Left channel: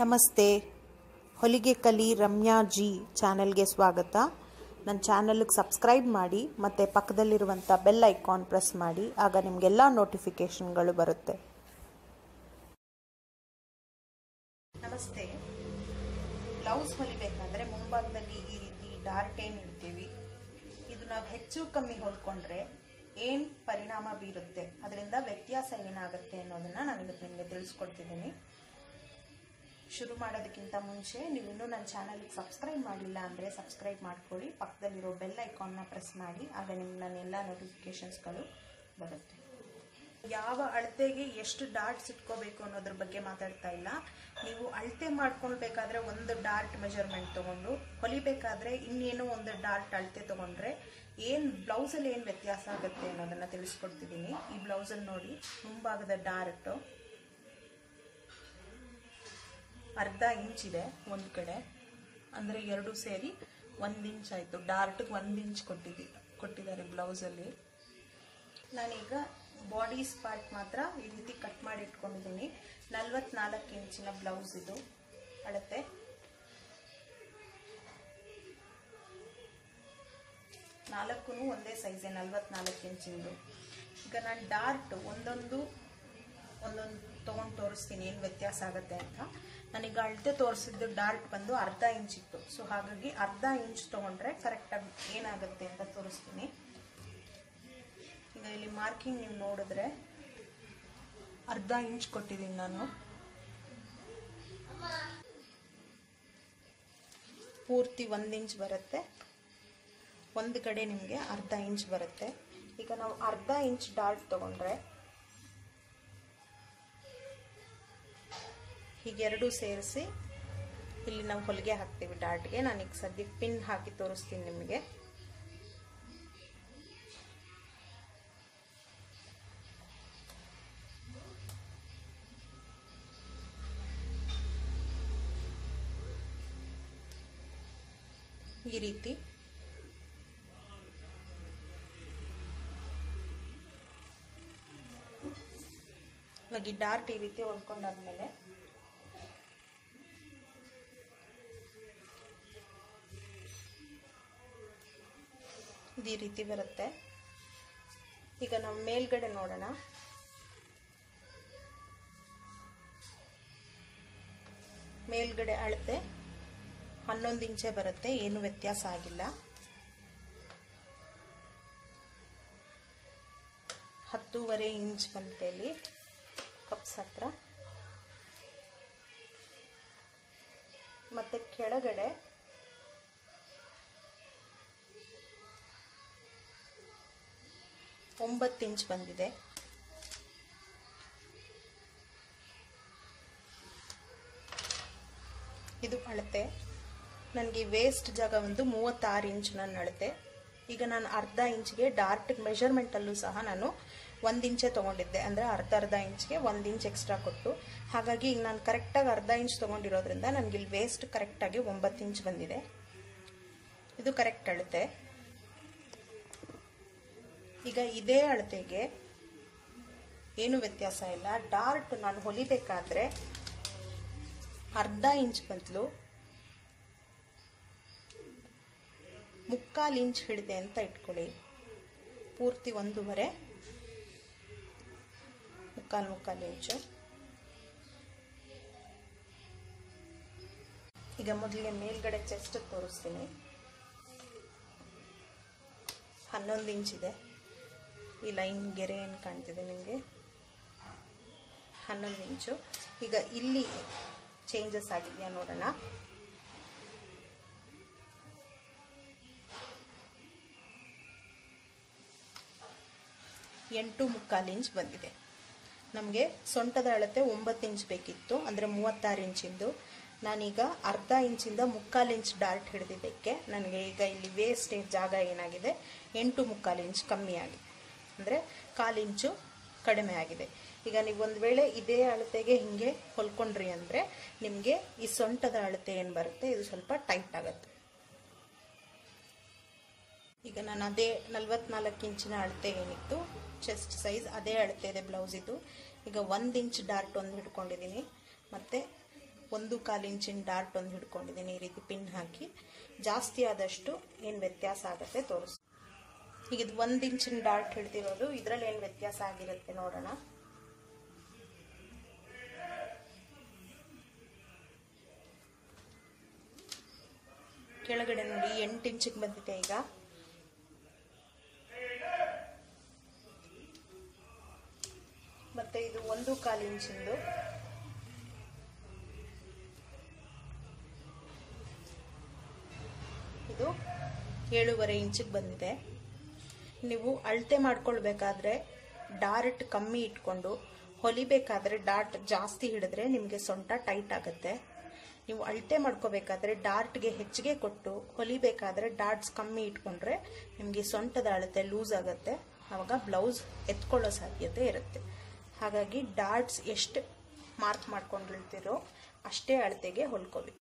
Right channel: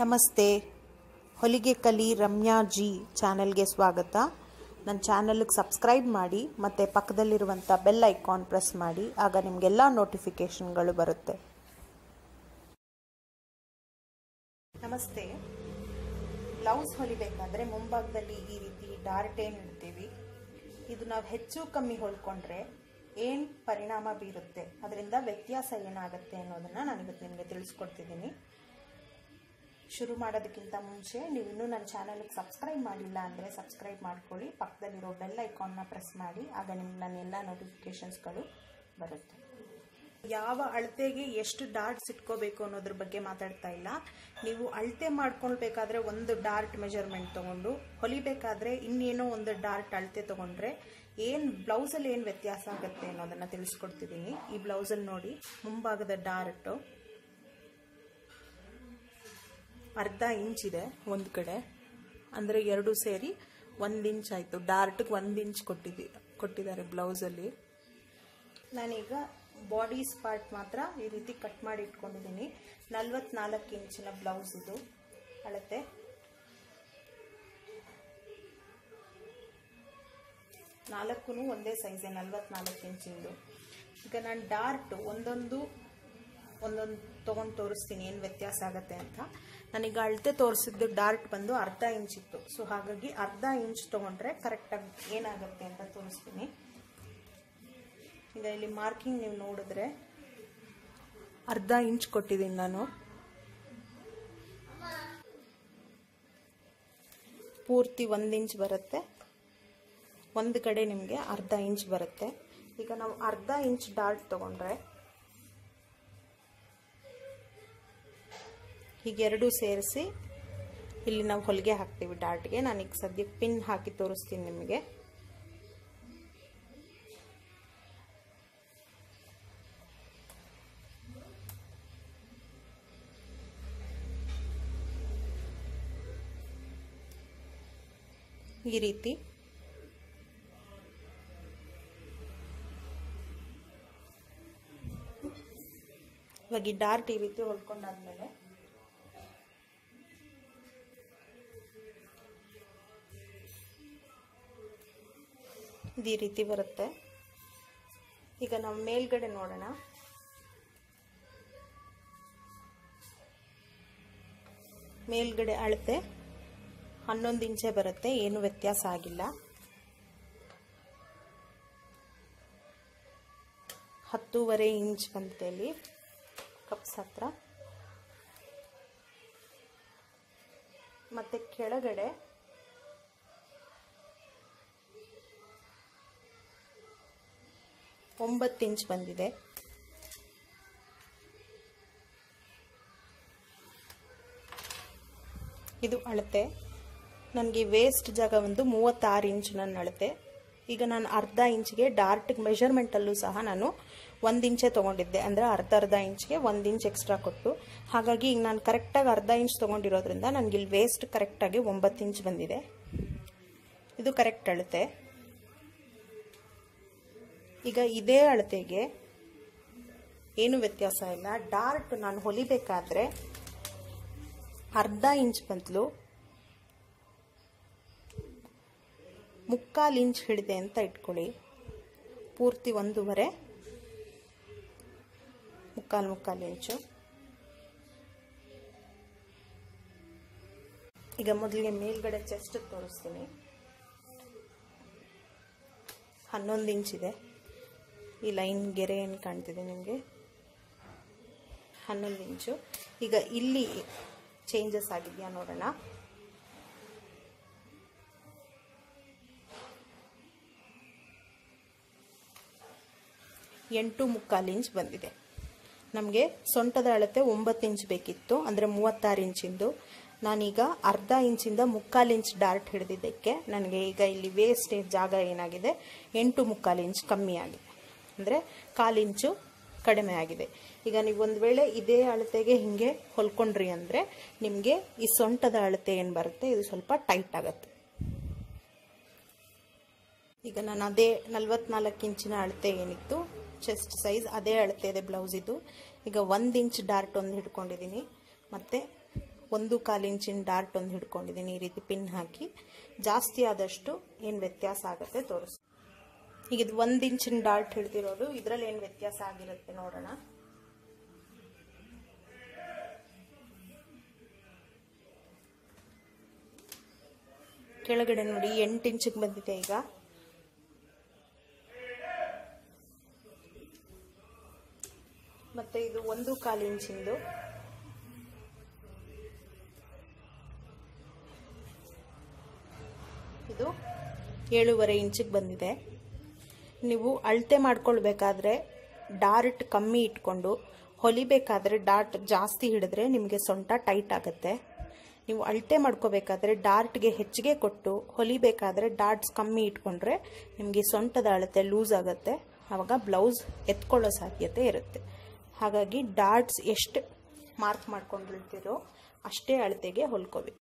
ನಮಸ್ತೆ. ಹೊಲಿಗೆ ಕಲಿ ರಮ್ಯಾ ಜಿ ಚಾನಲ್ಗೆ ಸ್ವಾಗತ. ನನ್ನ ಚಾನಲ್ಗೆ ಸಬ್ಸ್ಕ್ರೈಬ್ ಮಾಡಿ, ಮತ್ತು ಪಕ್ಕದಲ್ಲಿರುವಂಥ ಬೆಲ್ ಐಕಾನ್ ಪ್ರೆಸ್ ಮಾಡಿ, ಆಗ ನಿಮಗೆಲ್ಲ ನೋಟಿಫಿಕೇಷನ್ಗಳು ಬರುತ್ತೆ. ನಮಸ್ತೆ. ಬ್ಲೌಸ್ ಹೊಲಿಬೇಕಂದ್ರೆ ಮುಂಭಾಗದಲ್ಲಿ ಈ ರೀತಿ ಡಾರ್ಟ್ ಇಡ್ತೀವಿ, ಇದು ನಾವು ಹೆಚ್ಚು ಕಮ್ಮಿ ಹೊಲ್ಕೊಂಡ್ರೆ ಏನು ಪರಿಣಾಮ ಬೀರುತ್ತೆ, ಅದರಿಂದ ವ್ಯತ್ಯಾಸ ಏನಾಗುತ್ತೆ ಅನ್ನೋದನ್ನು ನಾನು ನಿಮಗೆ ತಿಳಿಸ್ಕೊಡ್ತಿದ್ದೀನಿ. ಶುರು ಮಾಡೋದಕ್ಕಿಂತ ಮುಂಚೆ ನೀವು ಇನ್ನೂ ನನ್ನ ಚಾನಲ್ಗೆ ಸಬ್ಸ್ಕ್ರೈಬ್ ಮಾಡಿಲ್ಲ ಅಂದರೆ ಸಬ್ಸ್ಕ್ರೈಬ್ ಮಾಡ್ಕೊಳ್ಳಿ. ಪಕ್ಕದಲ್ಲಿರೋ ಬೆಲ್ ಐಕಾನ್ನ ಪ್ರೆಸ್ ಮಾಡಿ, ಆಗ ನಿಮ್ಗೆ ನನ್ನ ಎಲ್ಲ ನೋಟಿಫಿಕೇಷನ್ಸ್ಗಳು ಬರುತ್ತೆ. ಯಾವ ಅಳತೆಗೆ ಎಷ್ಟು ಡಾರ್ಟ್ಸ್ ಇಟ್ಕೋಬೇಕು ಅನ್ನೋದ್ರ ಬಗ್ಗೆ ಮಾತಾಡ್ತಾ ಇಲ್ಲ. ನೀವು ಅಳತೆ ಮಾಡ್ಕೊಳ್ಬೇಕಾದ್ರೆ ಒಂದು ಡಾರ್ಟ್ ಮೆಜರ್ಮೆಂಟ್ ತಗೊಂಡು, ಹೊಲಿಬೇಕಾದ್ರೆ ಇನ್ನೇನೋ ಒಂದು ಡಾರ್ಟ್ ಅಳತೆ ತಗೊಂಡ್ರೆ ಏನು ಬ್ಲೌಸಲ್ಲಿ ಏನು ವ್ಯತ್ಯಾಸ ಆಗುತ್ತೆ ಅನ್ನೋದನ್ನ ತಿಳಿಸ್ಕೊಡ್ತಿದ್ದೀನಿ. ಈ ಬ್ಲೌಸಲ್ಲಿ ನೋಡಿ, ಮುಂಭಾಗದ ಡಾರ್ಟು ಅರ್ಧ ಇಂಚ್ ಇದೆ ಒಂದು ಕಡೆ. ಅಂದರೆ ಎರಡು ಸೇರಿ ಒಂದು ಇಂಚ್ ಆಯಿತು. ಡಾರ್ಟ್ಗೆ ಒಂದು ಇಂಚ್ ಕೊಟ್ಟಿದ್ದಿ, ಕೊಟ್ಟಿದ್ದಾರೆ ಬ್ಲೌಸಲ್ಲಿ ನಾನೀಗ ಬಾಡೀಸ್ ಪಾರ್ಟ್ ಮಾತ್ರ ಈ ರೀತಿ ಕಟ್ ಮಾಡಿ ಇಟ್ಕೊಂಡಿದ್ದೀನಿ. ನಲ್ವತ್ನಾಲ್ಕು ಇಂಚಿನ ಬ್ಲೌಸ್ ಇದು. ಅಳತೆ. ನಾಲ್ಕು ಒಂದೇ ಸೈಜೆ ನಲ್ವತ್ನಾಲ್ಕು ಇಂಚಿಂದು. ಈಗ ನಾನು ಡಾರ್ಟ್ ಒಂದೊಂದು ಒಂದೊಂದು ತೊಗೊಂಡು ತೋರಿಸ್ತೀನಿ, ಏನು ವ್ಯತ್ಯಾಸ ಆಗುತ್ತೆ ಅಂತ. ನನಗೆ ಅಳತೆ ತೋರಿಸಿದ್ದು ಡಾರ್ಟ್ ಬಂದು ಅರ್ಧ ಇಂಚ್ ಇತ್ತು. ಸೊ ಹಾಗಾಗಿ ಅರ್ಧ ಇಂಚ್ ತೊಗೊಂಡ್ರೆ ಕರೆಕ್ಟಾಗಿ ಏನಾಗುತ್ತೆ ಅಂತ ತೋರಿಸ್ತೀನಿ. ಈಗ ಇಲ್ಲಿ ಮಾರ್ಕಿಂಗ್ ನೀವು ನೋಡಿದ್ರೆ ಅರ್ಧ ಇಂಚ್ ಕೊಟ್ಟಿದ್ದೀನಿ ನಾನು. ಪೂರ್ತಿ ಒಂದು ಇಂಚ್ ಬರುತ್ತೆ. ಒಂದು ಕಡೆ ನಿಮಗೆ ಅರ್ಧ ಇಂಚ್ ಬರುತ್ತೆ. ಈಗ ನಾವು ಅರ್ಧ ಇಂಚ್ ಡಾರ್ಟ್ ತಗೊಂಡ್ರೆ ಹೀಗೆರಡು ಸೇರಿಸಿ ಇಲ್ಲಿ ನಾವು ಹೊಲಿಗೆ ಹಾಕ್ತೀವಿ ಡಾರ್ಟ್ಗೆ ಈಗ ಸದ್ಯಕ್ಕೆ ಪಿನ್ ಹಾಕಿ ತೋರಿಸ್ತೀನಿ ನಿಮಗೆ. ಈ ರೀತಿ. ಇವಾಗ ಈ ಡಾರ್ಟ್ ಈ ರೀತಿ ಹೊಲ್ಕೊಂಡಾದ್ಮೇಲೆ ಈ ರೀತಿ ಬರುತ್ತೆ. ಈಗ ನಾವು ಮೇಲ್ಗಡೆ ನೋಡೋಣ. ಮೇಲ್ಗಡೆ ಅಳತೆ ಹನ್ನೊಂದು ಇಂಚೆ ಬರುತ್ತೆ, ಏನು ವ್ಯತ್ಯಾಸ ಆಗಿಲ್ಲ. ಹತ್ತೂವರೆ ಇಂಚ್ ಬಂದಿದೆ ಕಪ್ಸ್ ಹತ್ರ ಮತ್ತೆ ಕೆಳಗಡೆ ಒಂಬತ್ತು ಇಂಚ್ ಬಂದಿದೆ. ಇದು ಅಳತೆ. ನನಗೆ ವೇಸ್ಟ್ ಜಾಗ ಒಂದು ಮೂವತ್ತಾರು ಇಂಚ್ ನನ್ನ ಅಳತೆ. ಈಗ ನಾನು ಅರ್ಧ ಇಂಚ್ಗೆ ಡಾರ್ಟ್ ಮೆಷರ್ಮೆಂಟಲ್ಲೂ ಸಹ ನಾನು ಒಂದು ಇಂಚೆ ತೊಗೊಂಡಿದ್ದೆ. ಅಂದರೆ ಅರ್ಧ ಅರ್ಧ ಇಂಚ್ಗೆ ಒಂದು ಇಂಚ್ ಎಕ್ಸ್ಟ್ರಾ ಕೊಟ್ಟು. ಹಾಗಾಗಿ ಈಗ ನಾನು ಕರೆಕ್ಟಾಗಿ ಅರ್ಧ ಇಂಚ್ ತೊಗೊಂಡಿರೋದ್ರಿಂದ ನನಗೆ ಇಲ್ಲಿ ವೇಸ್ಟ್ ಕರೆಕ್ಟಾಗಿ ಒಂಬತ್ತು ಇಂಚ್ ಬಂದಿದೆ. ಇದು ಕರೆಕ್ಟ್ ಅಳತೆ. ಈಗ ಇದೇ ಅಳತೆಗೆ ಏನು ವ್ಯತ್ಯಾಸ ಇಲ್ಲ. ಡಾರ್ಟ್ ನಾನು ಹೊಲಿಬೇಕಾದ್ರೆ ಅರ್ಧ ಇಂಚ್ ಬಂತಲು ಮುಕ್ಕಾಲು ಇಂಚ್ ಹಿಡಿದೆ ಅಂತ ಇಟ್ಕೊಳ್ಳಿ. ಪೂರ್ತಿ ಒಂದೂವರೆ, ಮುಕ್ಕಾಲು ಮುಕ್ಕಾಲು ಇಂಚು. ಈಗ ಮೊದಲಿಗೆ ಮೇಲ್ಗಡೆ ಚೆಸ್ಟ್ ತೋರಿಸ್ತೀನಿ. ಹನ್ನೊಂದು ಇಂಚ್ ಇದೆ. ಈ ಲೈನ್ ಗೆರೆ ಏನು ಕಾಣ್ತಿದೆ ನಿಮಗೆ? ಹನ್ನೊಂದು ಇಂಚು. ಈಗ ಇಲ್ಲಿ ಚೇಂಜಸ್ ಆಗಿದೆಯಾ ನೋಡೋಣ. ಎಂಟು ಮುಕ್ಕಾಲು ಇಂಚ್ ಬಂದಿದೆ. ನಮಗೆ ಸೊಂಟದ ಅಳತೆ ಒಂಬತ್ತು ಇಂಚ್ ಬೇಕಿತ್ತು, ಅಂದರೆ ಮೂವತ್ತಾರು ಇಂಚಿಂದು. ನಾನೀಗ ಅರ್ಧ ಇಂಚಿಂದ ಮುಕ್ಕಾಲು ಇಂಚ್ ಡಾರ್ಟ್ ಹಿಡಿದಿದ್ದಕ್ಕೆ, ನನಗೆ ಈಗ ಇಲ್ಲಿ ವೇಸ್ಟೇಜ್ ಜಾಗ ಏನಾಗಿದೆ? ಎಂಟು ಮುಕ್ಕಾಲು ಇಂಚ್ ಕಮ್ಮಿ ಆಗಿದೆ. ಅಂದರೆ ಕಾಲಿಂಚು ಕಡಿಮೆ ಆಗಿದೆ. ಈಗ ನೀವು ಒಂದು ವೇಳೆ ಇದೇ ಅಳತೆಗೆ ಹಿಂಗೆ ಹೊಲ್ಕೊಂಡ್ರಿ ಅಂದರೆ ನಿಮಗೆ ಈ ಸೊಂಟದ ಅಳತೆ ಏನು ಬರುತ್ತೆ? ಇದು ಸ್ವಲ್ಪ ಟೈಟ್ ಆಗುತ್ತೆ. ಈಗ ನಾನು ಅದೇ ನಲ್ವತ್ನಾಲ್ಕು ಇಂಚಿನ ಅಳತೆ ಏನಿತ್ತು ಚೆಸ್ಟ್ ಸೈಜ್ ಅದೇ ಅಳತೆ ಇದೆ ಬ್ಲೌಸ್ ಇದು. ಈಗ ಒಂದು ಇಂಚ್ ಡಾರ್ಟ್ ಒಂದು ಹಿಡ್ಕೊಂಡಿದ್ದೀನಿ ಮತ್ತು ಒಂದು ಕಾಲು ಇಂಚಿನ ಡಾರ್ಟ್ ಒಂದು ಹಿಡ್ಕೊಂಡಿದ್ದೀನಿ ಈ ರೀತಿ ಪಿನ್ ಹಾಕಿ ಜಾಸ್ತಿ ಆದಷ್ಟು ಏನು ವ್ಯತ್ಯಾಸ ಆಗುತ್ತೆ ತೋರಿಸ್ ಈಗ ಇದು ಒಂದು ಇಂಚಿನ ಡಾಟ್ ಹಿಡ್ದಿರೋದು. ಇದರಲ್ಲಿ ಏನು ವ್ಯತ್ಯಾಸ ಆಗಿರುತ್ತೆ ನೋಡೋಣ. ಕೆಳಗಡೆ ನೋಡಿ, ಎಂಟು ಇಂಚಿಗೆ ಬಂದಿದೆ ಈಗ. ಮತ್ತೆ ಇದು ಒಂದು ಕಾಲು ಇಂಚಿಂದು ಇದು. ಏಳೂವರೆ ಇಂಚಿಗೆ ಬಂದಿದೆ. ನೀವು ಅಳತೆ ಮಾಡ್ಕೊಳ್ಬೇಕಾದ್ರೆ ಡಾರ್ಟ್ ಕಮ್ಮಿ ಇಟ್ಕೊಂಡು, ಹೊಲಿಬೇಕಾದ್ರೆ ಡಾರ್ಟ್ ಜಾಸ್ತಿ ಹಿಡಿದ್ರೆ ನಿಮಗೆ ಸೊಂಟ ಟೈಟ್ ಆಗುತ್ತೆ. ನೀವು ಅಳತೆ ಮಾಡ್ಕೋಬೇಕಾದ್ರೆ ಡಾರ್ಟ್ಗೆ ಹೆಚ್ಚಿಗೆ ಕೊಟ್ಟು, ಹೊಲಿಬೇಕಾದ್ರೆ ಡಾರ್ಟ್ಸ್ ಕಮ್ಮಿ ಇಟ್ಕೊಂಡ್ರೆ ನಿಮಗೆ ಸೊಂಟದ ಅಳತೆ ಲೂಸ್ ಆಗುತ್ತೆ. ಆವಾಗ ಬ್ಲೌಸ್ ಎತ್ಕೊಳ್ಳೋ ಸಾಧ್ಯತೆ ಇರುತ್ತೆ. ಹಾಗಾಗಿ ಡಾರ್ಟ್ಸ್ ಎಷ್ಟು ಮಾರ್ಕ್ ಮಾಡ್ಕೊಂಡಿರ್ತೀರೋ ಅಷ್ಟೇ ಅಳತೆಗೆ ಹೊಲ್ಕೋಬೇಕು.